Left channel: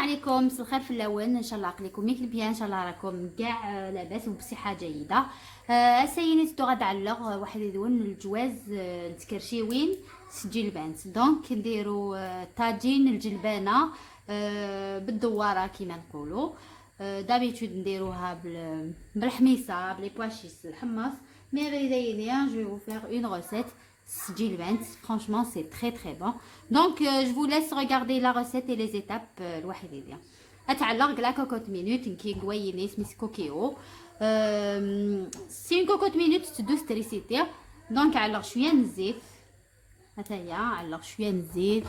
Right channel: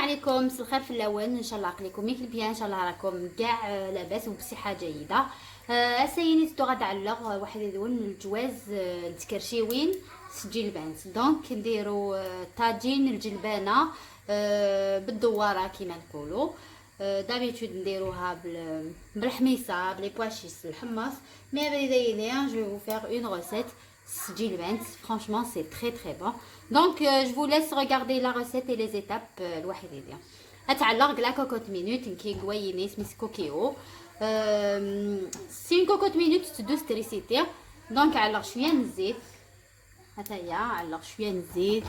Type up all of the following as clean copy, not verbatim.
عليكم، مساء الخير في الاول. ان شاء الله عقلكم ياكل بيان، ان شاء الله راكم كاع لاباس وبصحه جيده. اسيني زدت غادا علق واحد يدون الجواز التكرشيوين سجل البنت. دونك نديرو طاجين الجلبانه بالدواره كيما نقولوا. دابيتود نديروها بالحميصه بلي بواشيس الحمص. مي بدايا جو فو فير اون روسيت سجل البنت. فرانشمون سي تري تري بون. Donc je vous laisse regarder la recette et les étapes الوحيدة. اتعلق لا كوكوت مينوت كي قويني سميس كوكيو. سي كوكوت مينوت تدو ستريسيتي. دونك علق شويه من الزيت. هتايا علق شويه من الزيت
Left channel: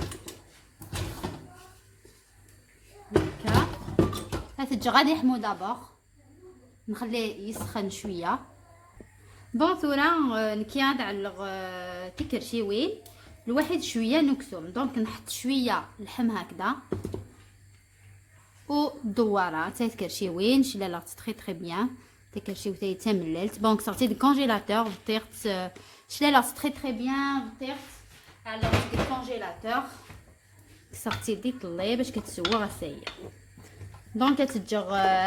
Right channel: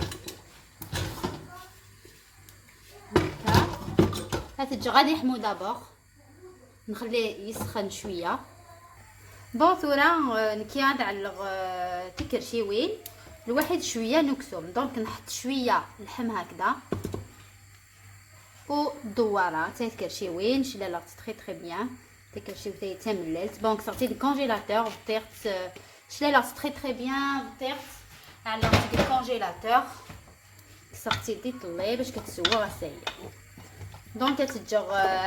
هكا. هتجي غادي يحمو دابور، نخليه يسخن شويه. بون ثورا كي غادي علق تكرشيوين الواحد شويه نكسوم. دونك نحط شويه اللحم هكذا و الدواره تاع تكرشيوين شلاله تري تري بيان. تكرشيو تاي تمللت. دونك صرتي دو كونجيلاتور طيرت شلاله تري تري بيان طيرت على الكونجيلاتور. صرتي دي طلي باش كتسوى راسي. دونك تتجر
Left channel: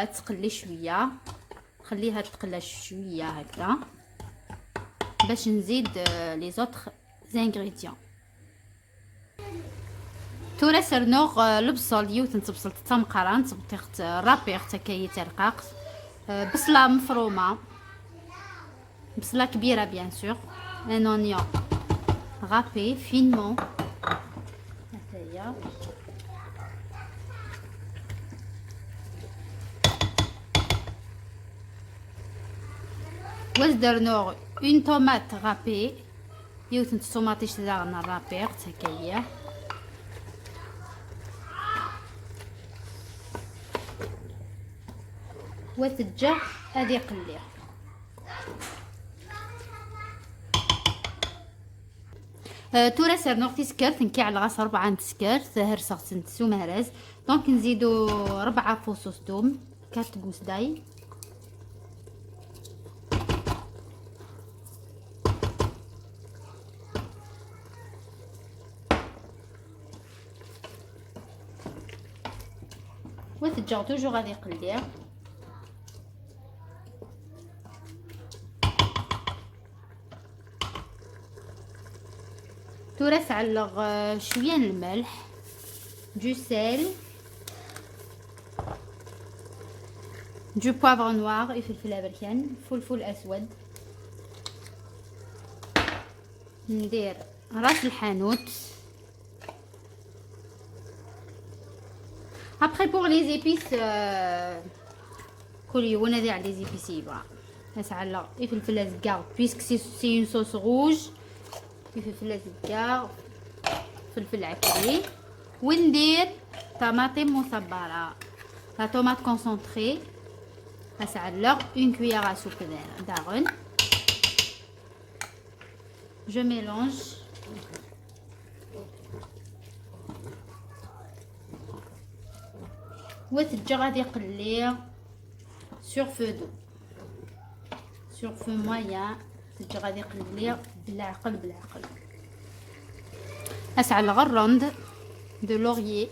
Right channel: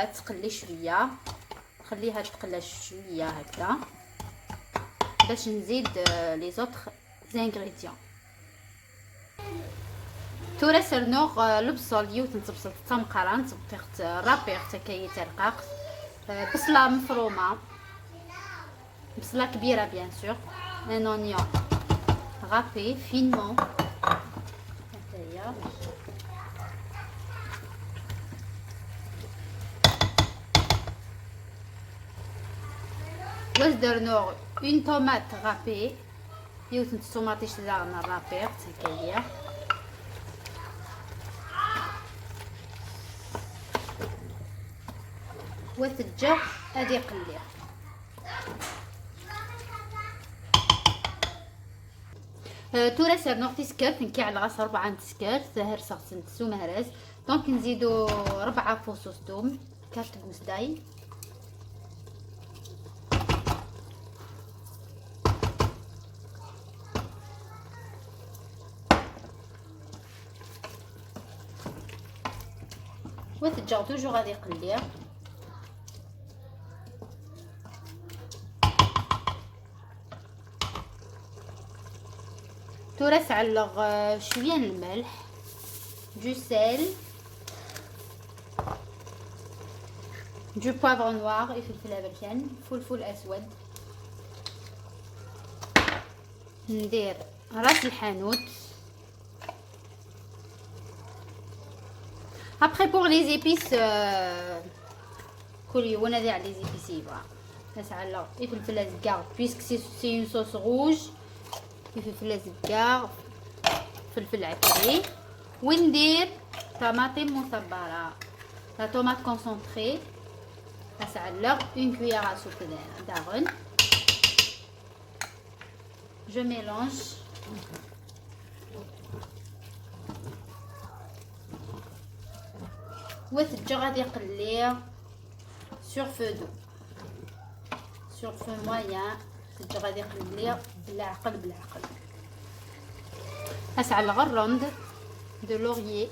تقلي شويه، خليها تقلى شويه هكذا باش نزيد لي زوطخ زانغريديون. تورا سرنوغ البصل يوت نتبصل تمقرا نتبطيخت رابيغ تاكاي ترقاق. بصله مفرومه، بصله كبيره بيان سور. ان اونيون رابي فينمون هكايا. واش درنوغ اون طوماط رابي يوت نتوماطيش دارنا رابيغ تاكايا. وتجا هادي قليها. تورا سرنوغ تسكرت نكي على غاس 4 تسكرت هرسغت نتسو مهرز. دونك نزيدو 4 فصوص توم، كارت بوسداي، وتجا توجو غادي يقليه. تورا علق شويه الملح، دو سيل، دو بوافر نوار، فلفل ابركان، فلفل اسود. ندير راس الحانوت. Après pour les épices كل ونادي على les épices يبغى نسعلق فلفل ازكار puisque c'est une sauce rouge. فلفل ازكار، فلفل عفري، وندير طماطم مصبره لا طوماط كونسونطري. نسعلق une cuillère à soupe دارن. je mélange. وتجا غادي يقليه sur feu doux sur feu moyen. تجا غادي يقليه بالعقل بالعقل. اسعل غروند دو لوريي.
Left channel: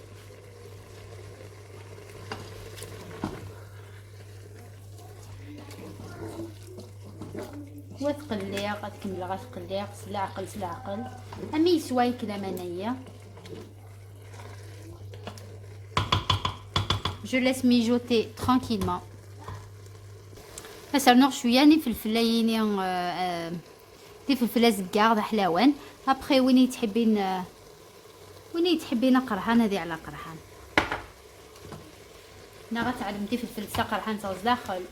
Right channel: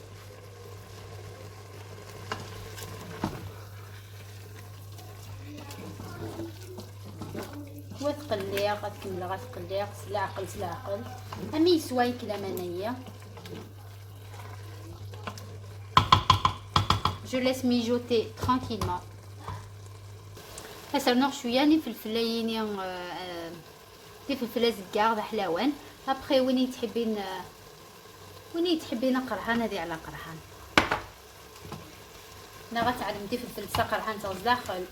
وتقليه غتكمل غتقليه سلعقل سلعقل امي يسواي كلامانيه. Je laisse mijoter tranquillement. سرنوغ شويه ني فلفلايني في فلفله زكار حلاوان. ابخي وين تحبين قرحان هذه على قرحان. انا غتعلمتي فلفل قرحان صاص داخل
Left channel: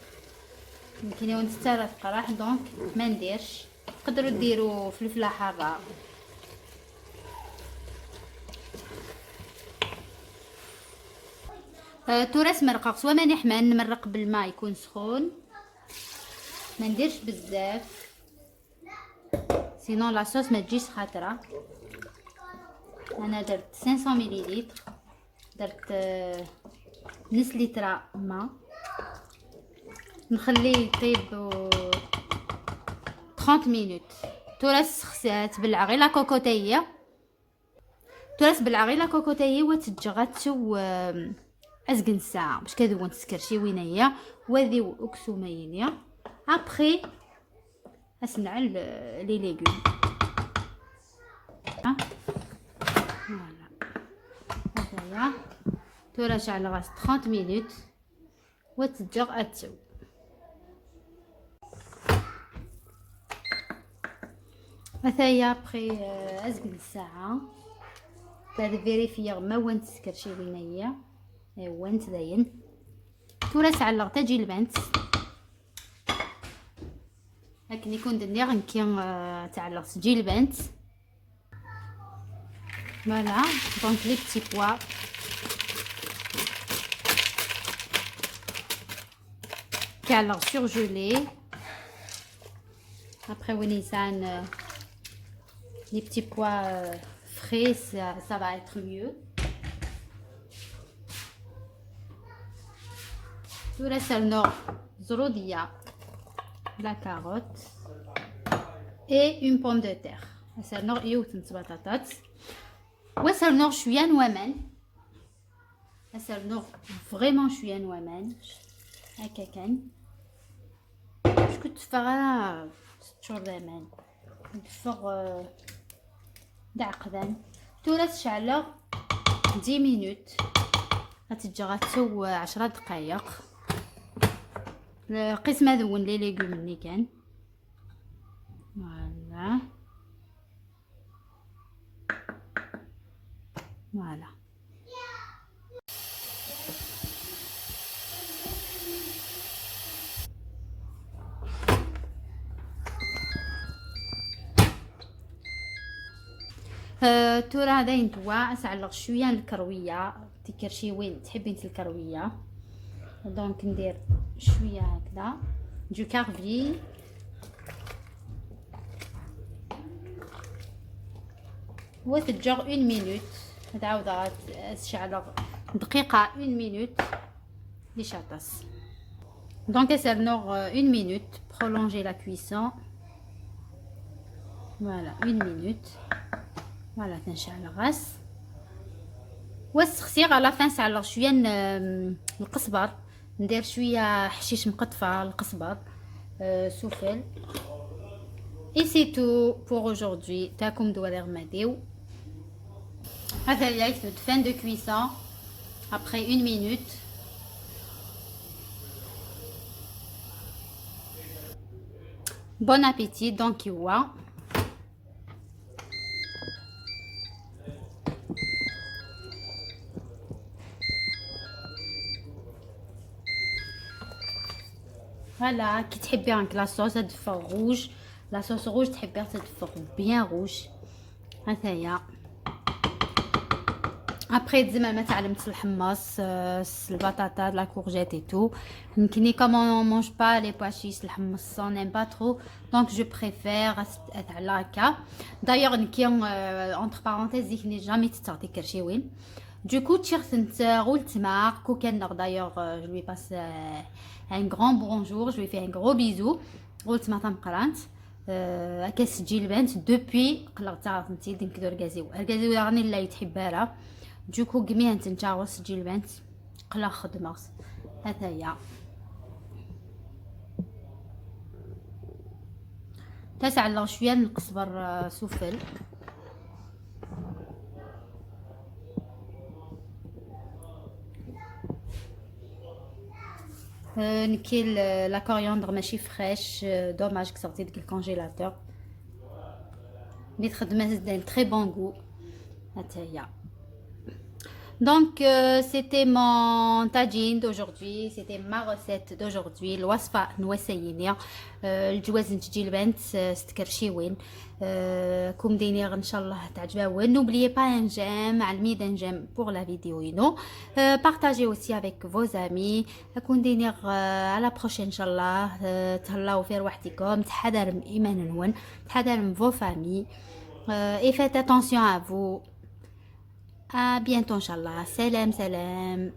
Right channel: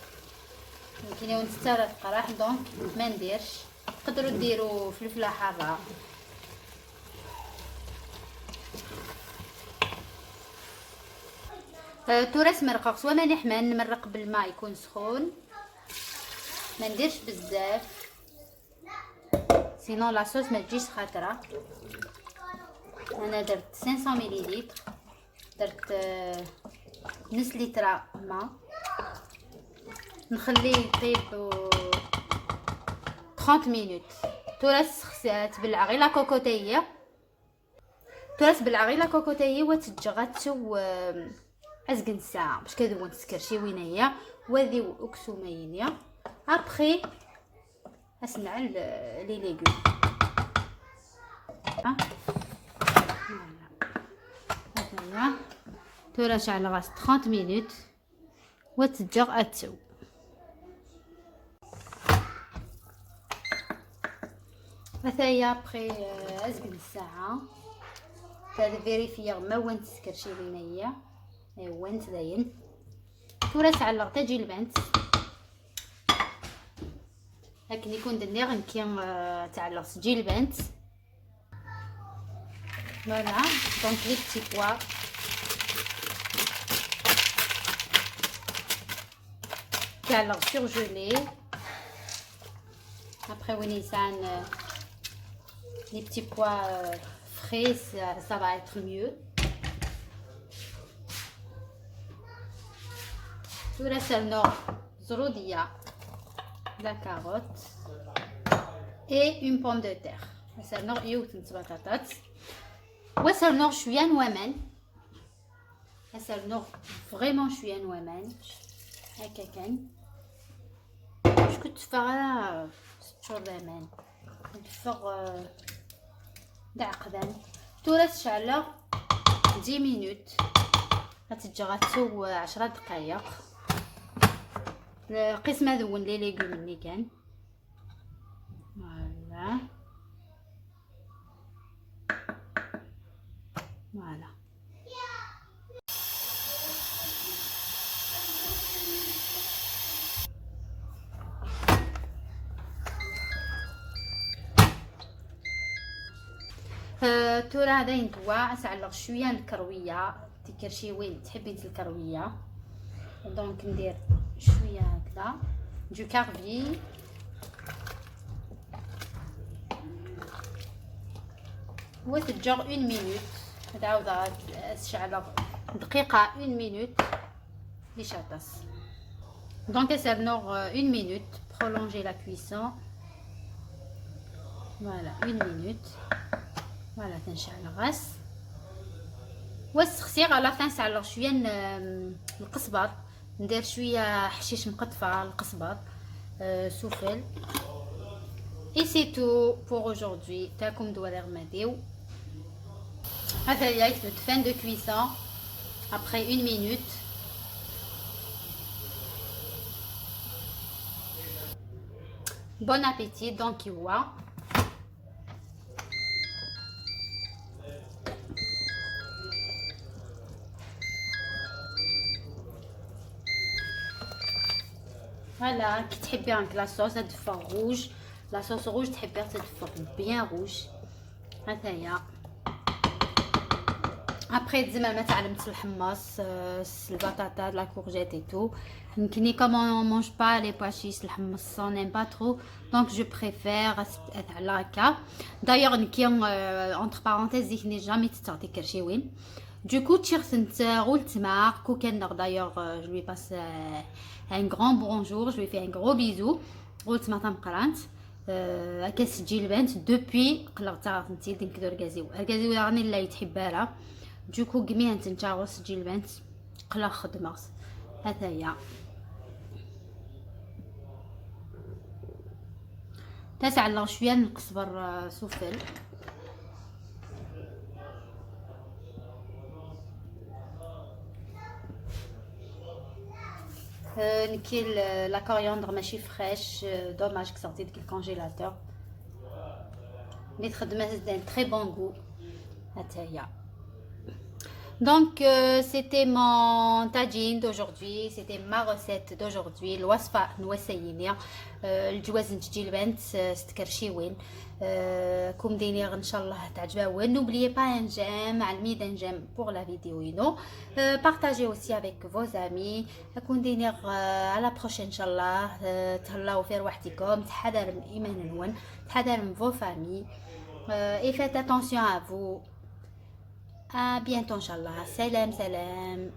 يمكن يوم تستاهل قرح. دونك ما نديرش. تقدروا ديروا فلفله حاره. تورس مرقق سوا ماني حمان نمرق بالماء يكون سخون. ما نديرش بزاف سينون لا صوص ما تجيش خاطره. انا درت 500 مليلتر، درت نص لتر ماء. نخليه يطيب 30 مينوت. تورس خسات بالعغي لا كوكوتيه. تورس بالعغي لا كوكوتيه وتجي غتسو ازقن الساعه باش كدون تسكرشيوينه هي وهذه اكسومينيا. ابري اسنع لي ليغوم هذايا تورش على غاز 30 مينوت وتجر اتسو. مثلا ابري ازقن الساعه تاع فيريفير ما وانت سكرشيوينه هي وانت زين تورس على تجي البنت لكن يكون دنيا كي تعلق تجي البنت. فوالا دونك لي بتي بوا تعلق سورجولي. ابري ونيسان les petits pois frais, ça va être mieux. Tout le selno zrodia, la carotte et une pomme de terre. Le selno يوتن بطاطات. وسلنو شويه نوامن. السلنو فريمون شويه نوامن. هكا كان. شكون تفرا شهور زمان. نتفرغ دعقدان تورس شعلة 10 مينوت غتجي غتسو 10 دقائق. القسم هذون لي ليغوم اللي كان فوالا فوالا. تورا هذا ينتوع نسعلق شويه الكرويه تكرشي وين تحبين الكرويه. دونك ندير شويه هكذا دو كارفي وتتجر 1 مينوت. تعاود تشعلق دقيقه 1 مينوت باش يعطس. دونك سيرنور 1 مينوت prolonger la cuisson. Voilà 1 minute. فوالا تنشعل الغاز والسخسيغ على فين نسعلق شويه القزبر ندير شويه حشيش مقطفه القزبر سوفل. اي سي تو بور اجوردي تاكم دوالير ماديو. هذا ياك لو فين دو كويسون ابري 1 مينوت. بون ابيتي دونك يوا. فوالا كي تحبي راك لاصوص تدفر روج لاصوص روج تحبي تدفر بيان روج. هذايا ابري زعما ما تعلمت الحمص البطاطا لا كورجيت اي تو يمكنني كومون مونج با لي باشيس الحمص سون نيم با ترو دونك جو بريفير على هكا. دايوغ نكي اونتر بارونتيز ديكني جامي تستعطي كرشيوين دوكو تشيرثنت غول تمار كوكنر. دايوغ جو لوي باس un grand bonjour, je lui fais un gros bisou. قلت ما تنقرانت كتسجي البنت دوبي قلقتها فهمتي ديك الكازيو الكازيو راني لا يتحبها دوكو كميه نتا وسجي البنت قلا خدمه. هذا هي تسعلق شويه نقصبر سوفل. نكيل لا كورياندر ماشي فريش دوماج كسرتي ديك الكونجيلاتور مي تخدمات داير تري بون غو. هاتا هي دونك سيتي مون تاجين دوجوردي سيتي ما ريسيت دوجوردي الوصفه نوسينيا الجواز نتجي البنت ستكرشيوين كوم دينير ان شاء الله تعجبوا. n'oubliez pas un j'aime على un j'aime pour la vidéo ينو partagez aussi avec vos amis. كون دينير على بروشين ان شاء الله تهلاو في روحتكم تحضر من ايمان نون تحضر من vos familles et faites attention à vous. à bientôt ان شاء الله. سلام سلام.